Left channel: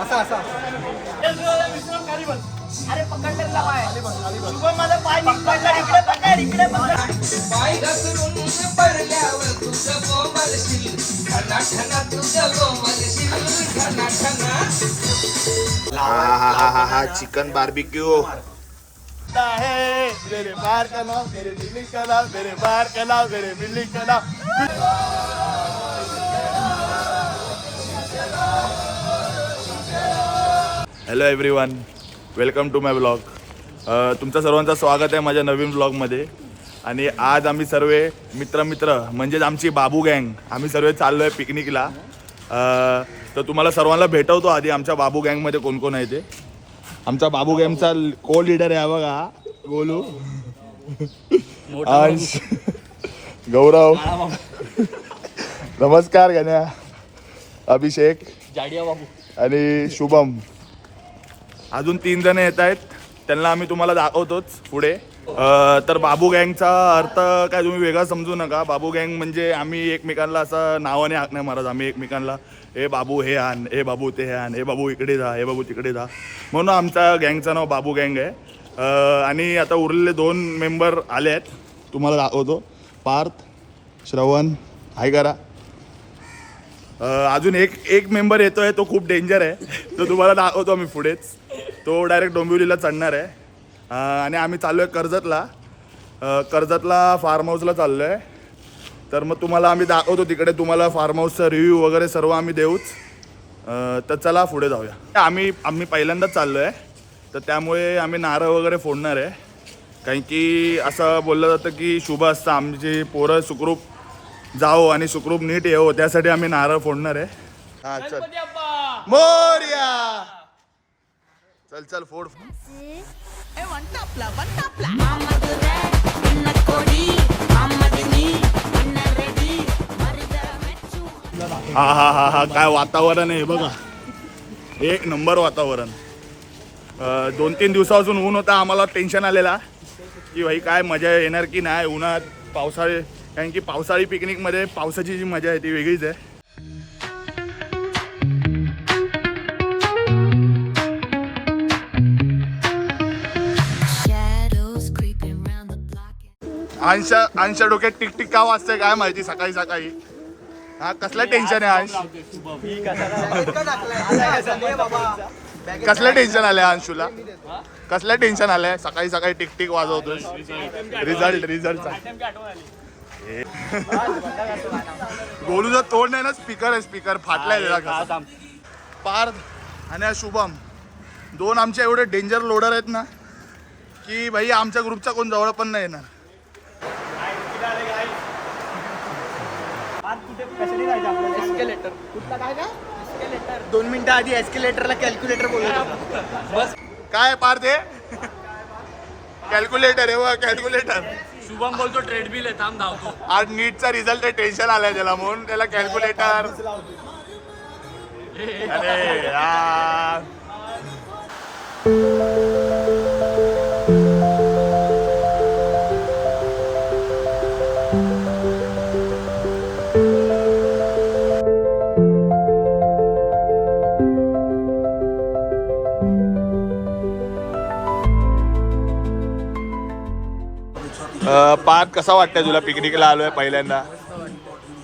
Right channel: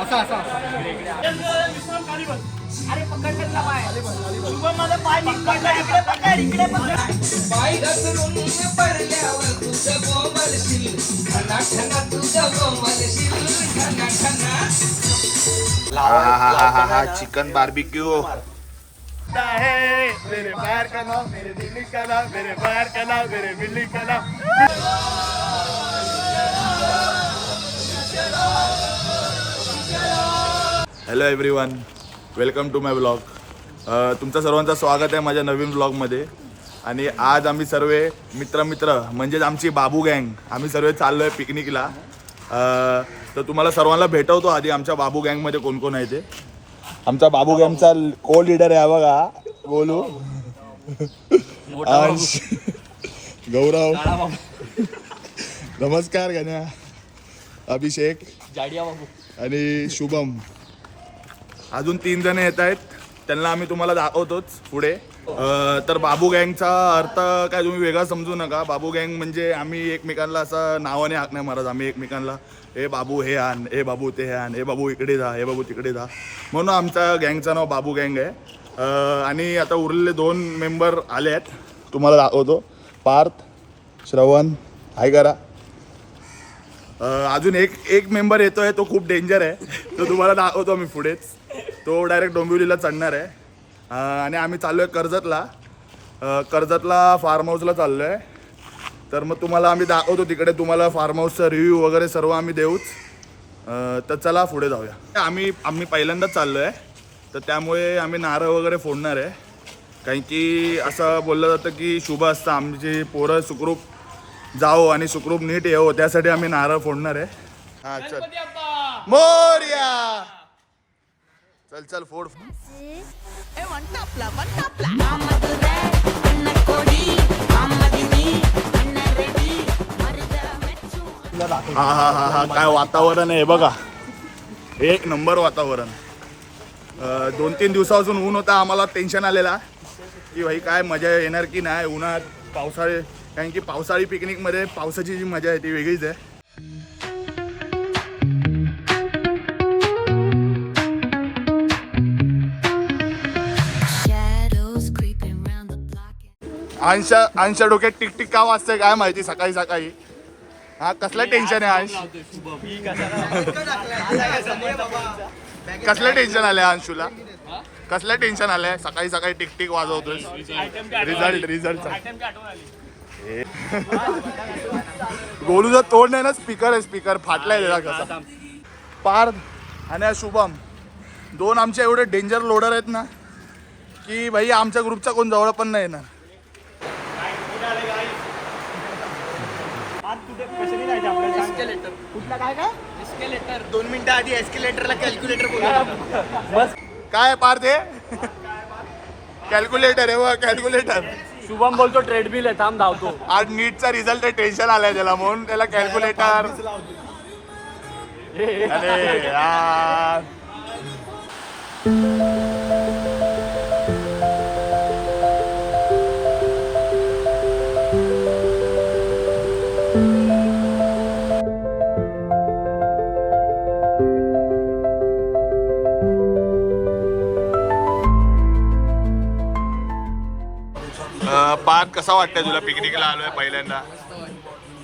असा असा अरे पकडला शुभम माझा पाय इकडे पकड इकडे पकड पाय घसरून पडल्यावर तुझं बोंबलशील ठना तुझं बोंबलशील ठना चिकन बार्बिक्यू है मेरे बाहर का नाम मेरे दिल्ली का नाम मेरे बाहर का नाम मेरे दिल्ली का नाम. Hello everyone, welcome to my blog. तुमचं सर्वांचं स्वागत आहे माझ्या नवीन ब्लॉगमध्ये. आणि आज आम्ही सर्व मित्र म्हणजेच आमची बाबू गँग आम्ही सर्व चाललो आहे पिकनिकला. तर तुम्हाला सर्वांना भेटवतो आधी आमच्या बाबू गँगमध्ये कोण कोण आहे ते. आमचा बाबू गँगचा को लीडर आहे बघा, गोलू, अंश, गौरव, नमस्कार गण्या, अभिषेक आणि शुभम. अजून 3 जण येत आहेत, त्यांना आम्ही तुम्हाला दाखवतोच पुढे. तर बाबू गँगचा अर्थ काय तुम्ही वेगळा समजू नका. बाबू गँग म्हणजे आम्ही एकमेकांना असं नावाने हाक नाही मारत. आम्ही एकमेकांना हे बाबू हे आण, हे बाबू ते आण, हे बाबू इकडे जा, हे बाबू तिकडे जा, म्हणून आमचा गँगचं नाव बाबू गँग आहे. आणि आता उरलेले 2 मेंबर आले आहेत, तुम्हाला दाखवतो. पार्थ, श्रवण, हाय करा. अजून एक मेंबर येतो आहे, तो खूप डेंजर आहे, तो तुम्हाला दाखवतो आम्ही पुढेच. तो डायरेक्ट डोंबिवलीला चढणार आहे. आणि आम्ही चाललो आहे कर्जतला फार्म हाऊसला चाललो आहे. तर मग तुम्हाला आम्ही दाखवतो तिकडे, तुम्हाला फार्म हाऊसचा रिव्ह्यू वगैरे सर्व आम्ही देऊच. तर चला पुढे जाऊया. आम्ही पहिल्यांदाच चाललो आहे, तर त्यामुळे आम्ही नारळ वगैरे फोडणार आहे. कारण की असं बोललं जातं की शुभ असतं आमची पोरं सुखरूप जाओ आणि सुखरूप नीट येऊ, त्यासाठी आम्ही नारळ फोडणार आहे. हां चल मोरया, चल फोड. हा काय वातावरण आहे बघा, एक नंबर वातावरण. 2-3 दिवसापासून ऊन होता, आम्हाला टेन्शन आलेला की भाई काय मजा येणार की नाही उन्हात पावसाळे. कारण की पावसाळी पिकनिकमध्ये पावसाची जी मजा आहे ती वेगळीच आहे. अंशा डोक्यात टिकटिक का वाजते काय माहिती सकाळी सकाळी. हा कसलं टेन्शन आहे अंश, कसलं टेन्शन आलंय अंशूला, कसलं टेन्शन आलंय सकाळी सकाळी टिकटिक वाजवतोय. रिझल्टचा गोलूचं तोंड नाही ना, स्पीकर आहे, स्पीकर फाटलाय त्याला कसा. पार्थ आणि शुभम 2 आमचे एवढे डेंजर लोडर आहेत ना की भाई आमच्या ग्रुपचा कोण जवळ पण नाही येणार. एस्केलेटर 2 मिनिटं आधी एस्केलेटरला कॅल्क्युलेटर बोलतो. काय पार्थ हे कॅल्क्युलेटर आहे, कॅल्क्युलेटर. शुभम बोलतो ट्रेडमिल आहे, थांब धावतो. आज नीटचा रिझल्ट टेन्शन आलाय त्याला, म्हणून त्याला कॅल्क्युलेटर. अरे यार पार्थ कसा वाटतंय तुला, पिकनिकला आलोय पहिल्यांदा?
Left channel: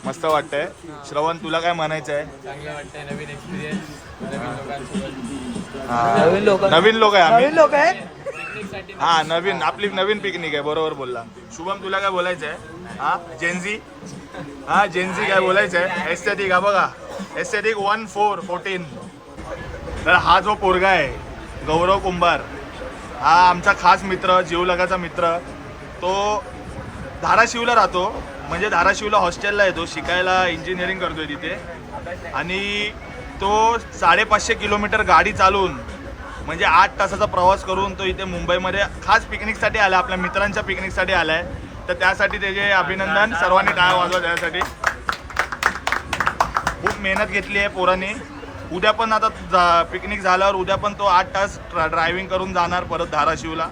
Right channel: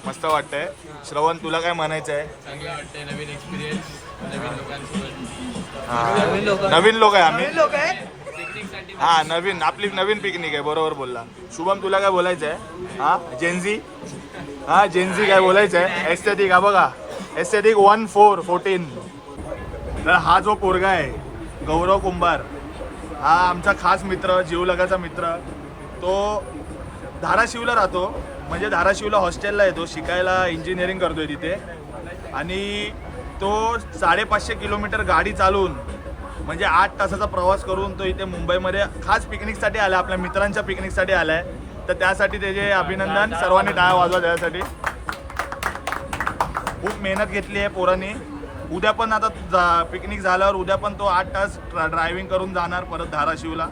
मस्त वाटतंय. श्रवण तुला काय म्हणायचं आहे? चांगलं वाटतंय, नवीन एक्सपिरियन्स, नवीन लोकांसोबत. नवीन लोक आहे आम्ही. पिकनिकसाठी हा आपली नवीन पिकनिक आहे, बरोबर बोलला. शुभम तुला काय बोलायचं आहे? हा जेनझी काय बोलायचं आहे? एस्थेटिक हा बघा, एस्थेटिक 1414. तर हा जो पोरगा आहे गौरव कुंभार, हा आमचा खास मित्र, जीवलगाचा मित्र. तो धाराशिवला राहतो, म्हणजे धाराशिवला हॉस्टेलला येतो शिकायला, इंजिनिअरिंग करतोय तिथे. आणि तो 550 किलोमीटर गाडी चालवून म्हणजे 8 तासाचा प्रवास करून तो इथे मुंबईमध्ये खास पिकनिकसाठी आला, आपल्या मित्रांच्या पिकनिकसाठी आला आहे. तर त्यासाठी त्याचे अभिनंदन, सर्वांनी टाळ्या वाजवा त्यासाठी. खूप मेहनत घेतली आहे पोरांनी. उद्या पण आता पिकनिक झाल्यावर उद्या पण तो 8 तास ड्रायव्हिंग करून जाणार परत धाराशिवला.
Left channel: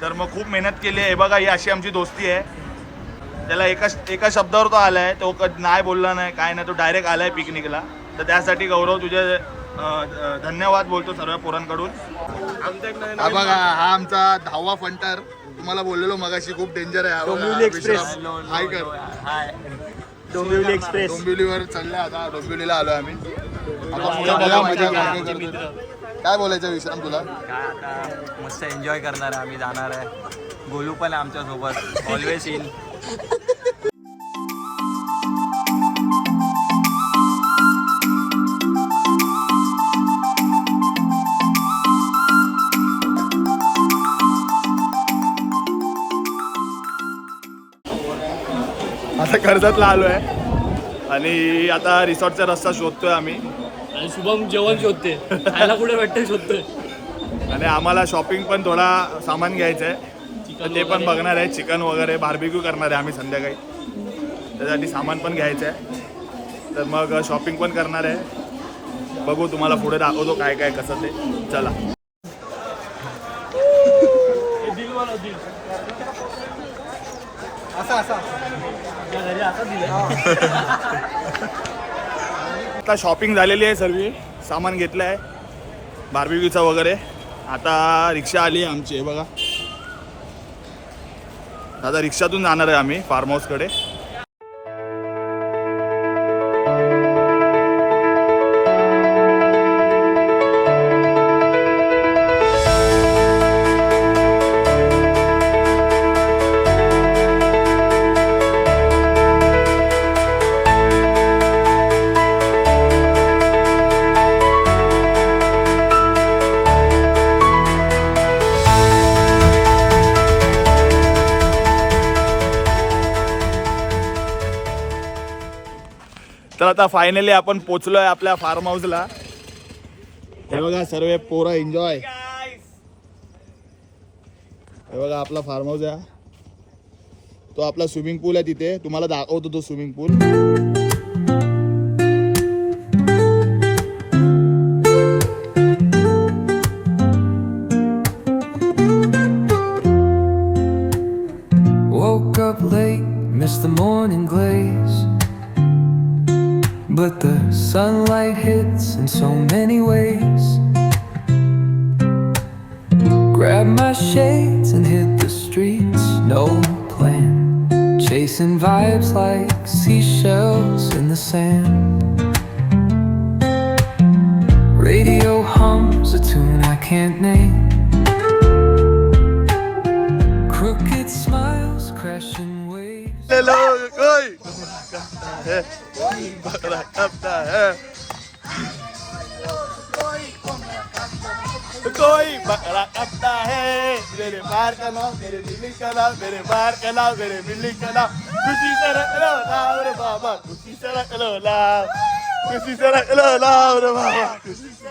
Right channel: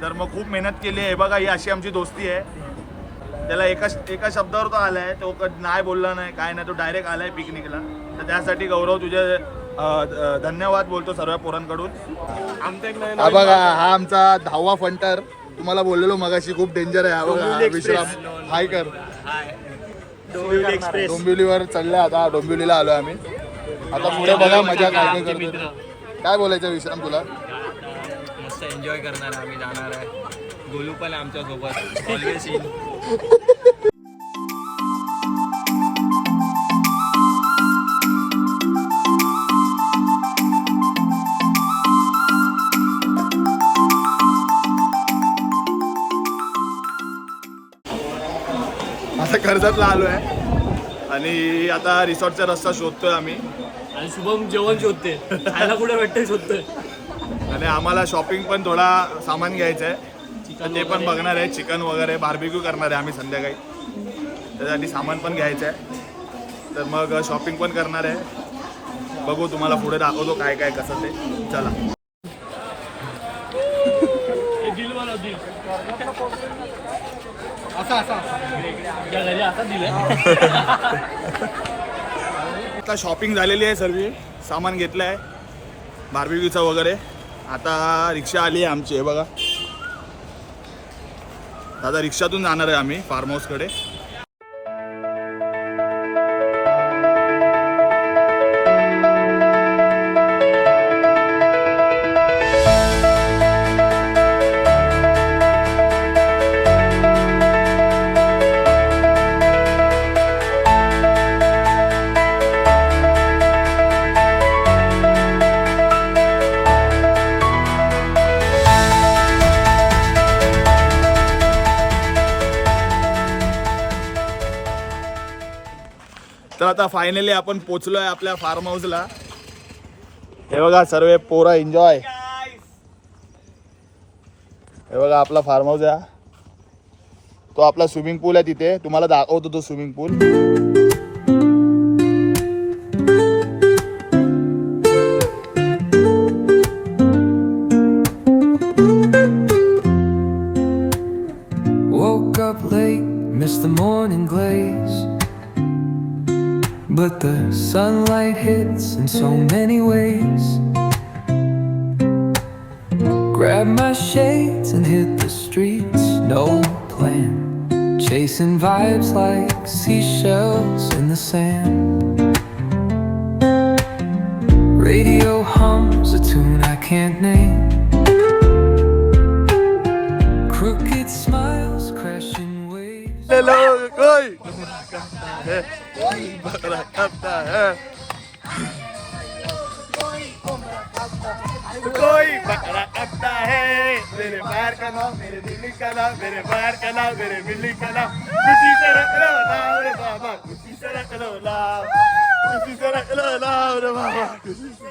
तर मग खूप मेहनत केली आहे. बघा ही अशी आमची दोस्ती आहे. त्याला एका शब्दावर तो आलाय, तो नाही बोलला नाही काय नाही, तो डायरेक्ट आलाय पिकनिकला. तर त्यासाठी गौरव तुझे धन्यवाद बोलतो सर्व पोरांकडून. हा बघा, हा आमचा 10वा फंटर. तुम्हाला बोललेलो मगाशी खूप डेंजर आहे. हा बघा, विश्राम हाय कर. डोंबिवली एक्सप्रेस. डोंबिवलीवर चाललंय आता. डोंबिवलीला आलोय आम्ही. आता पुढे बघा मजा काय काय करतो. काय बोलायचं विश्राम तुला? मस्त एन्जॉय करणार आहे, आम्ही जाणार आहे. गोलू पण आहे आमच्या सोबत, ऑलवेज इन. आता कर्जतला आलोय आणि आता रिसॉर्टचा रस्ता शोधतोय आम्ही. आणि शुभम जेवण शोधते, खायला कुठे भेटते शोधतोय. आणि आम्हाला शॉपिंग पण थोडा सामान घ्यायचं आहे, तर ते पण बघणार आहे. चिकन वगैरे बार्बिक्यू करणार आहे आम्ही संध्याकाळी, त्यासाठी सामान पण घ्यायचं आहे. तर मग शॉपिंग पण करणार आहे. बघू, तुम्हाला पुढे दाखवतो काय काय कसं ते. चला. आता शॉपिंग झालेली आहे, सर्व सामान घेतलं आहे बार्बिक्यूचं वगैरे. आता रिक्षा आली आहे आमची, हे बघा. आता रिक्षातून जाणार आहे आम्ही फार्म हाऊसकडे. तर आता फायनली आपण पोचलोय आपल्या फार्म हाऊसला. हे बघा सर्व पोरं एन्जॉय. हे बघा आपला फार्म हाऊस आहे. तो आपला स्विमिंग पूल आहे तिथे, तुम्हाला दाखवतो तो swimming pool. Woke up late, missed the morning glaze. But the sunlight hits in so many ways. Grabbed my shades and hit the streets, no plan. Chasing vibes like seashells in the sand. Radio hums a tune I can't name. Crooked smiles crashing waves. Hello, कोई बकरा काटता है, कोई बकरा काटता है. मेरे बाहर का नाम, मेरे बिल्ली का नाम, मेरे बाहर का नाम, मेरे बिल्ली का नाम. खुशी से रख लो नाम रे बाबा, खुशी से रख लो नाम, खुशी से रख लो नाम रे बाबा, खुशी से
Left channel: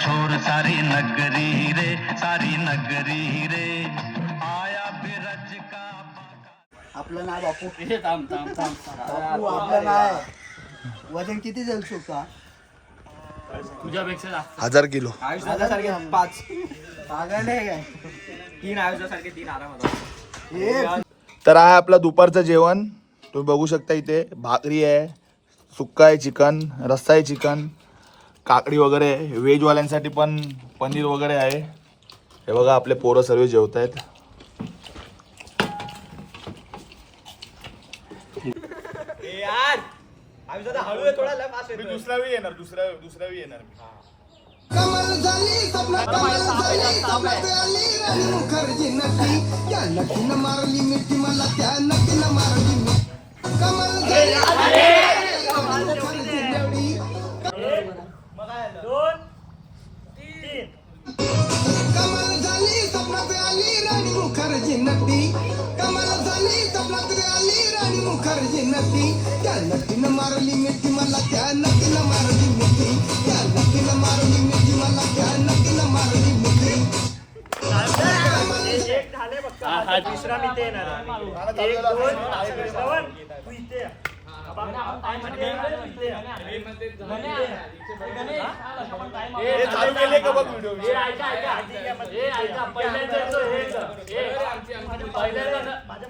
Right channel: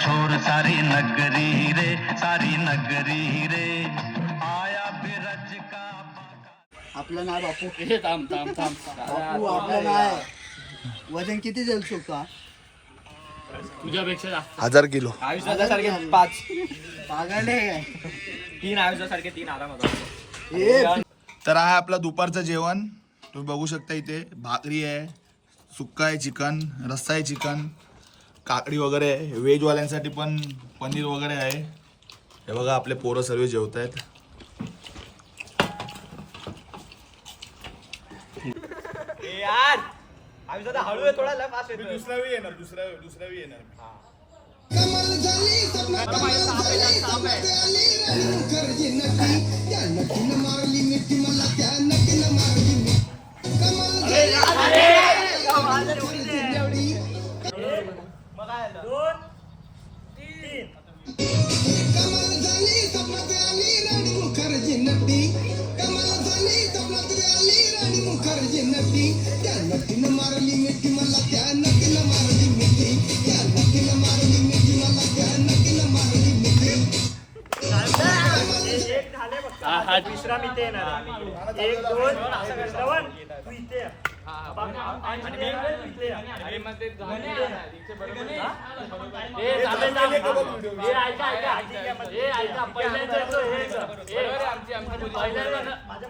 शोर सारी नगरी रे, सारी नगरी रे, आया बिरज का. आपलं नाव बापू. हे थांब थांब थांब. बापू आपलं नाव. वजन किती जाईल का? तुझ्यापेक्षा जास्त. 1000 किलो. आयुष्यासारखे 5 पागल आहे काय? 3 आयुष्यासारखे 3 आरामात. तर आहे आपलं दुपारचं जेवण. तुम्ही बघू शकता इथे भाकरी आहे, सुक्का आहे चिकन, रस्सा आहे चिकन, काकडी वगैरे. व्हेजवाल्यांसाठी पण पनीर वगैरे आहे. हे बघा आपले पोरं सर्व जेवत आहेत. यार आयुष्यात हळू आहे थोडा, लय फास्ट दुसऱ्यावी येणार. कमल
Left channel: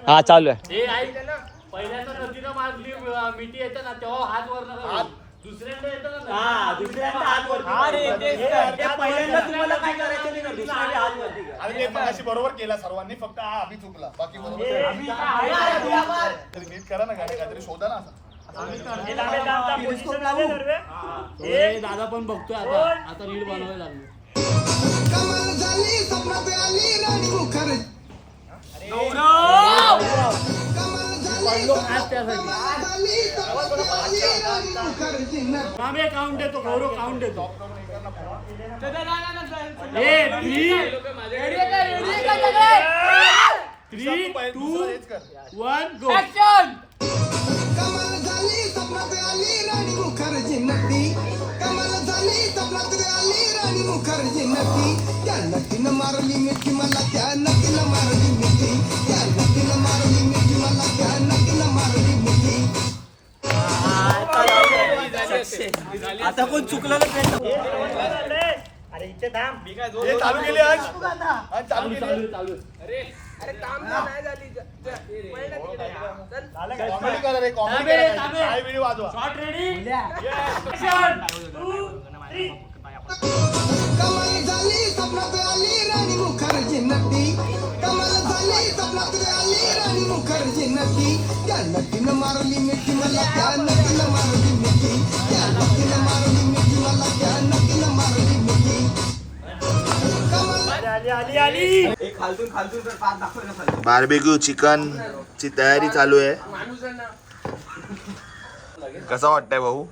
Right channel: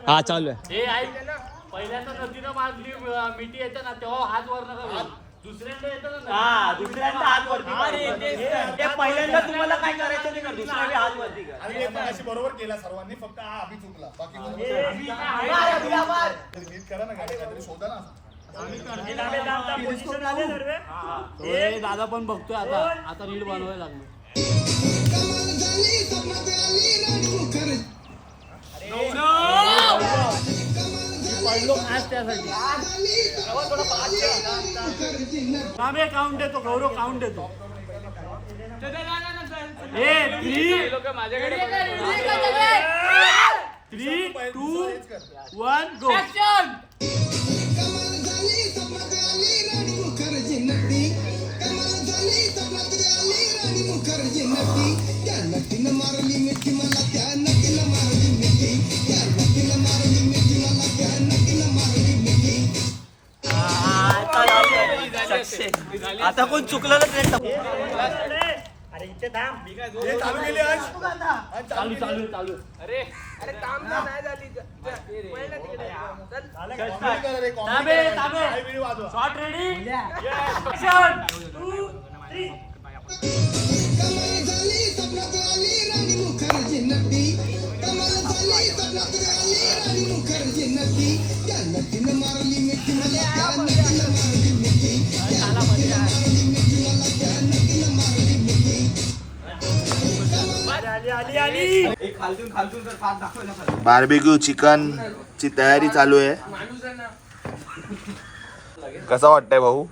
हा चालू आहे. हे ऐक ना, पहिल्यांदा नदीनं मारली मिठी येते ना तेव्हा हात वर नका करू. दुसऱ्यांदा येतं ना, हा दुसऱ्यांदा हात वरती. पहिल्यांदा तुम्हाला काय करायचं नाही, दुसऱ्यांदा हात वरती करा. आणि ते पण अशी बरोबर केला सर्वांनी, फक्त हा अभि चुकला. बाकी कोणी नीट करा ना, गाडी काहीतरी शोधा ना असं. दादा पण बघतोय आता रील बनवायला लागलो. काउंट देतो, गौरव काउंट देतो. 3, 2, 1 गो. आता कोण चुकलं नाही. अरे इथे थांब. हे चालू केले आज. आज चालू केले. चालू. अरे काम नाही झाली. कॉमेडी करा रे, कॉमेडी करा. काय व्हिडिओ वाजवा. Shot ready. बार्बेक्यू चिकन ची तयारी चालू आहे. कसा वाटतंय भाऊ?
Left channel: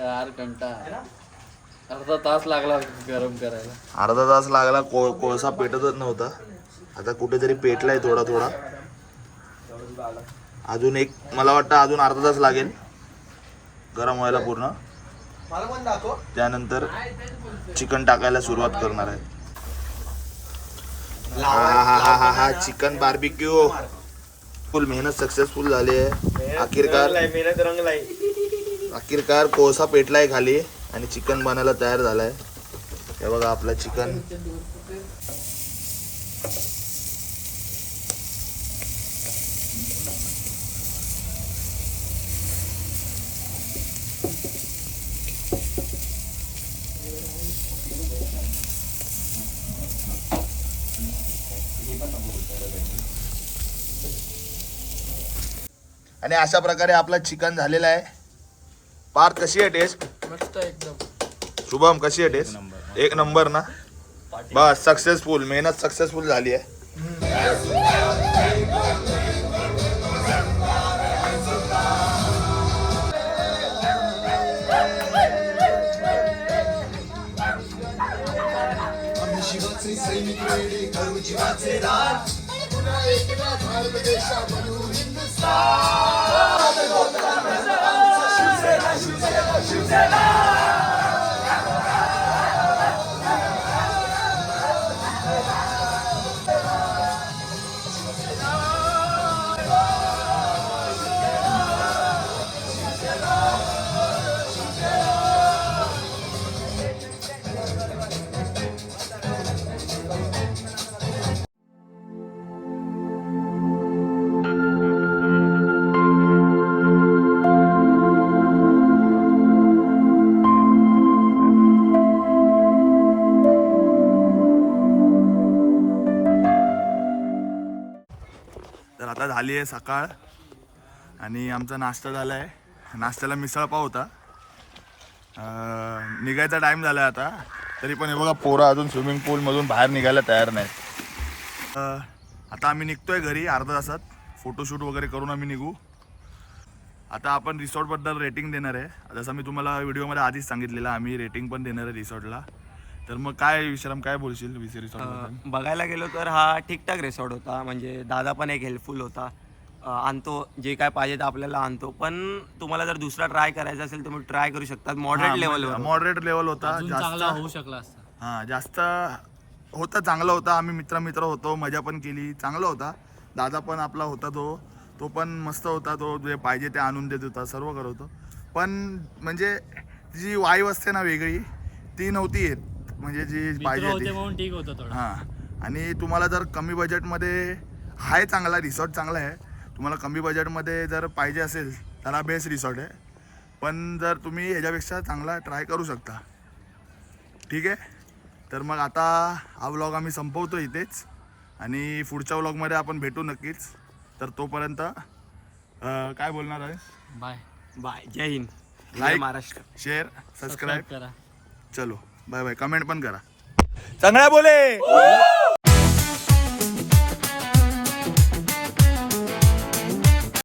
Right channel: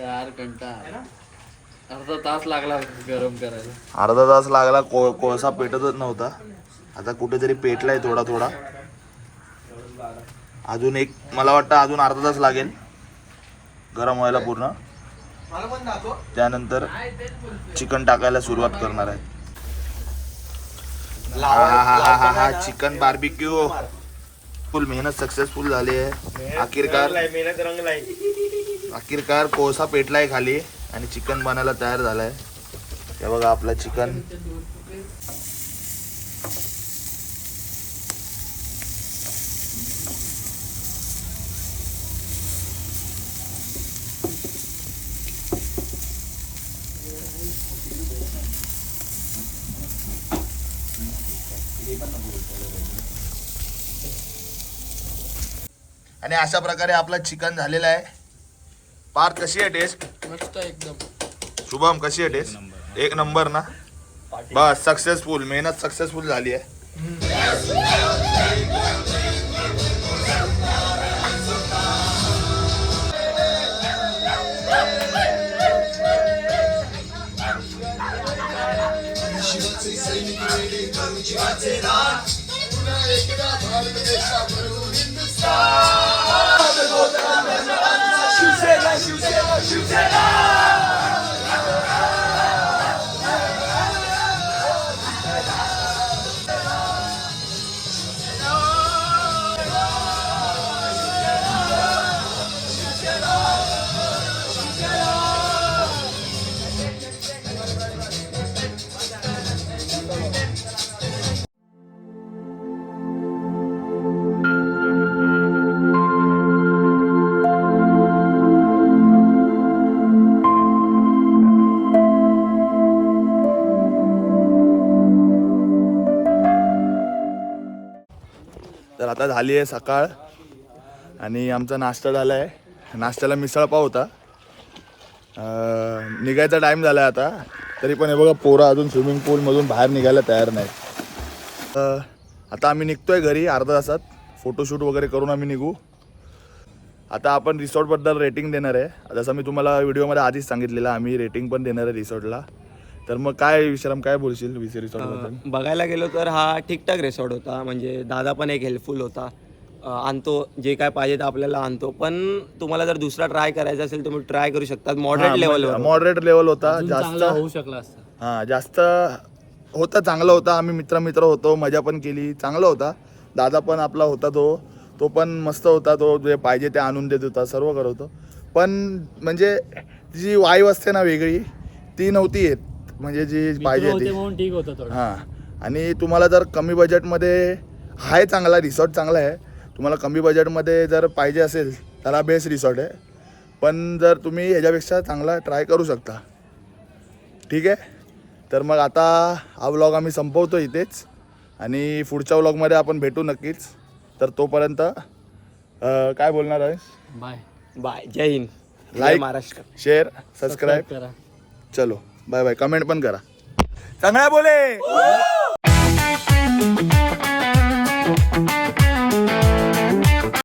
यार कंटाळा. अर्धा तास लागला गरम करायला. अर्धा तास लागला. कोळसा पेटतच नव्हता. आता कुठेतरी पेटलाय थोडा थोडा. अजून एक, मला वाटतं अजून अर्धा तास लागेल गरम व्हायला पूर्ण. त्यानंतर चिकन टाकायला सुरुवात करणार आहे. हा चिकन बार्बिक्यू फुल मेहनत सक्सेसफुल झाली आहे. आखिरकार कोळसा पेटलाय खाली आणि चिकन बनायला तयार झालाय. हे बघा आपला चिकन. आणि अशा प्रकारे आपलं चिकन झालेलं आहे. पार्थ, कशी आहे टेस्ट? मस्त एकदम. शुभम, कशी आहे टेस्ट? एक नंबर ना. बस सक्सेसफुल, मेहनत सक्सेसफुल झाली आहे. तर आता झाली आहे सकाळ आणि आमचा नाश्ता झाला आहे. नाश्त्याला मिसळ पाव होता. निघायचा टाईम झाला आहे आता. तरी पण हे बघा पोरं अजून स्विमिंग पूलमधून बाहेर निघायला तयार नाही. आता आम्ही निघतोय घरी अर्धा तासात. फोटोशूट वगैरे करून आम्ही निघू. आता आपण रिसॉर्टबद्दल रेटिंग देणार आहे. जसं मी तुम्हाला व्हिडिओमध्ये आधीच सांगितलेलं आम्ही रेटिंग पण देणार आहे रिसॉर्टला. तर मग काय विश्राम काय बोलशील रिसॉर्टबद्दल? बघायला गेलो तर हा ठीकठाक रिसॉर्ट होता. म्हणजे दादा पण एक हेल्पफुल होता. आणतो जे काय पाहिजे ते आपल्याला आणतो. पण तुम्हाला जर दुसरा ट्राय करायचा असेल तुम्ही ट्राय करू शकता. मॉडरेट लेवल होता. जास्त होऊ शकला असता. हां जास्त होता, चांगला होता. आम्ही मित्र होतो, मजा पण केली, चांगला होता. दादा पण आपला होता, तो पण मस्त होता. तो जे पाहिजे ते आणून देत होता, सर्व करत होतो. पण म्हणजे जी वाईव असते ना वेगळी ती नव्हती येत. म्हणजे जी पाहिजे ती म्हणून ठीक होतं थोडं. हां. आणि तुम्हाला जर कमी बजेटमध्ये आहे, चांगला रिसॉर्ट चांगला आहे. तुम्हाला कमी बजेटमध्ये जर पाहिजे असेल तर हा बेस्ट रिसॉर्ट आहे. पण जर तुम्ही ह्याच्यापेक्षा चांगला ट्राय करू शकता. ठीक आहे. तर मग आता हा व्लॉग आम्ही संपवतो इथेच आणि पुढच्या व्लॉगमध्ये आपण भेटू नक्कीच. तर तोपर्यंत काय बोलणार आहेस? Bye bye. जय हिंद. जय लाईक, महाराष्ट्र. शेअर, सबस्क्राईब करा. चलो बाय बाय. कमेंट पण करा. चांगला बोले.